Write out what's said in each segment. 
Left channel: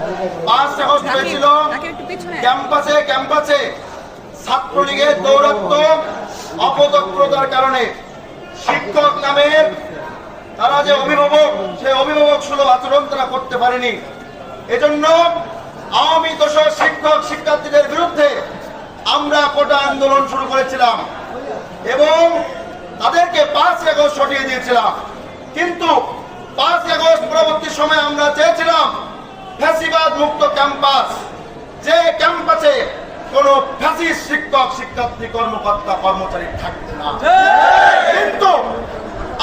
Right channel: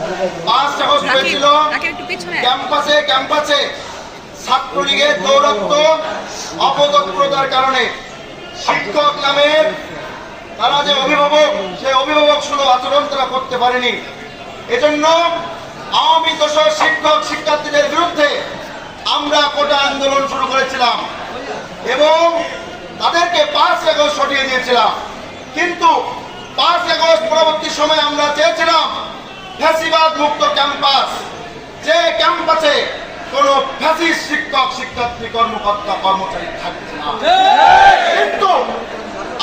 5 August হয়েছিল ক্যাম্পাসে ক্যাম্পাসে ছাত্রলীগের দৌরাত্ম্য অপতৎপরতার কারণে শিক্ষক নামের তারা যে অভিভাবক, সেই অভিভাবক সুলভ আচরণ তারা করতে পারেনি। এজন্য আওয়ামী দোষর শিক্ষক শিক্ষার্থীদের বিরুদ্ধে আমরা কোটা আন্দোলন শুরু করেছিলাম এবং তাদেরকে 5 আগস্ট সরিয়ে দিয়েছিলাম। কিন্তু 5 আগস্ট পরবর্তী সময়ে আমরা চেয়েছিলাম ফ্যাসিবাদ মুক্ত ক্যাম্পাস, যে ক্যাম্পাসে কোন ফ্যাসিস্ট শিক্ষক শিক্ষার্থী কর্মকর্তা কর্মচারী থাকবে না। কিন্তু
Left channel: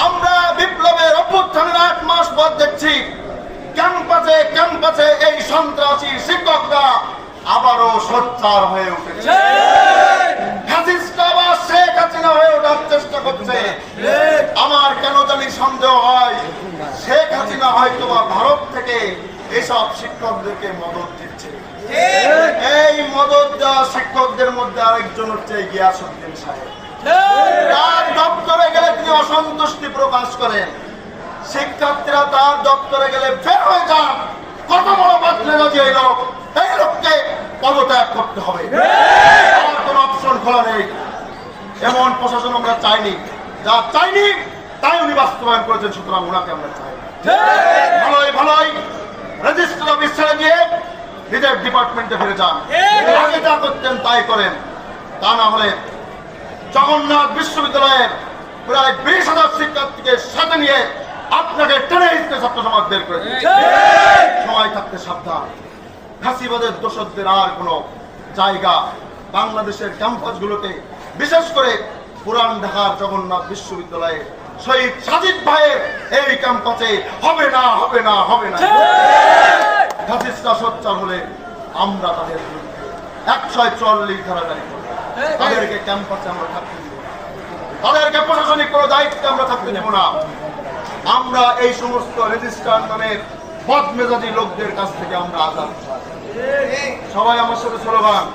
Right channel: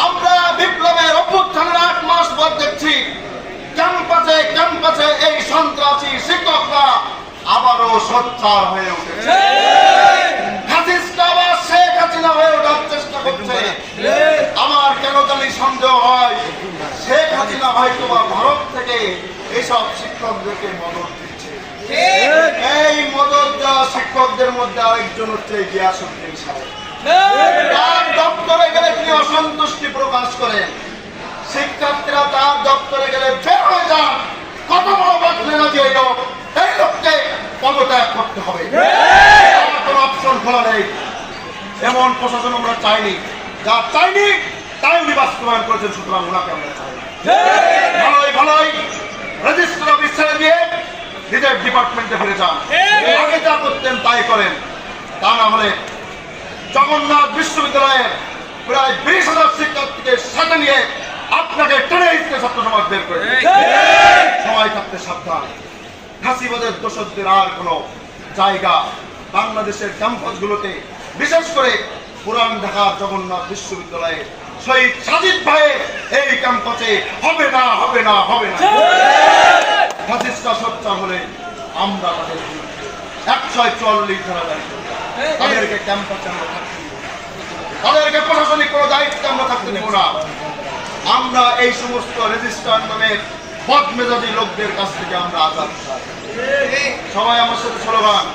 আমরা বিপ্লবের অভ্যুত্থানের 8 মাস পর দেখছি ক্যাম্পাসে ক্যাম্পাসে এই সন্ত্রাসী শিক্ষকরা আবারও সোচ্চার হয়ে উঠেছে। ফ্যাসিস্ট আবার শেখ হাসিনা হয়ে ওঠার চেষ্টা করছে। আমার কেন জানি সন্দেহ হয় শেখ হাসিনা হয়তো বা ভারত থেকে এসব শিক্ষকদেরকে মদত দিচ্ছে। এই মদত দেওয়া শিক্ষকদের মধ্যে আরেকজন হচ্ছে গিয়াসউদ্দিন সাহেব। তার দপ্তরে গেলে তিনি অসন্তুষ্টি প্রকাশ করেন, শিক্ষার্থীরা তার দপ্তরে গেলে বের হয়ে যান, কত বড় বাতলে নদী এই লোক, এই লোককে পদত্যাগ করতে হবে, কোনো অপশন খোলা নেই। এমন প্রশাসন আমরা চাইনি, যা চাইনি তাই উনি বাস্তবায়ন করেছেন, সুতরাং ওনাকে আমরা চাই। ভালোই ভালোই রেজিস্ট্রার অফিস ছেড়ে দিয়ে নিজের ডিপার্টমেন্টে ফিরে যান, আগে যা করতেন তাই করেন। তা না হলে জগন্নাথ বিশ্ববিদ্যালয়ের প্রায় 20,000 শিক্ষার্থীকে সাথে নিয়ে আপনাকে টেনে হিসেবে ছাত্র সমাজ বের করে সময় থাকতে সাবধান। ফ্যাসিবাদের দোষরদের আর কোনো জায়গা বাংলাদেশের ক্যাম্পাসগুলোতে, বিশেষ করে পুরান ঢাকার জগন্নাথ বিশ্ববিদ্যালয়ে শহীদ সাজিদ ভাইয়ের এই ক্যাম্পাসে হবে না, হবে না, হবে না। ফ্যাসিস্টরা সোচ্চার হলে আমরা তাদের বিরুদ্ধে 144 ধারা জারি করব। তাদেরকে ক্যাম্পাসে আমরা থাকতে দিব না, তাদেরকে প্রশাসনিক কোনো দায়িত্বে আমরা থাকতে দেব না। আমরা এই সমস্ত রেজিস্ট্রার নামের বদমেজাজি লোকদের কাছ থেকে আমরা আজাদ চাই। সবাই আমার সাথে স্লোগান।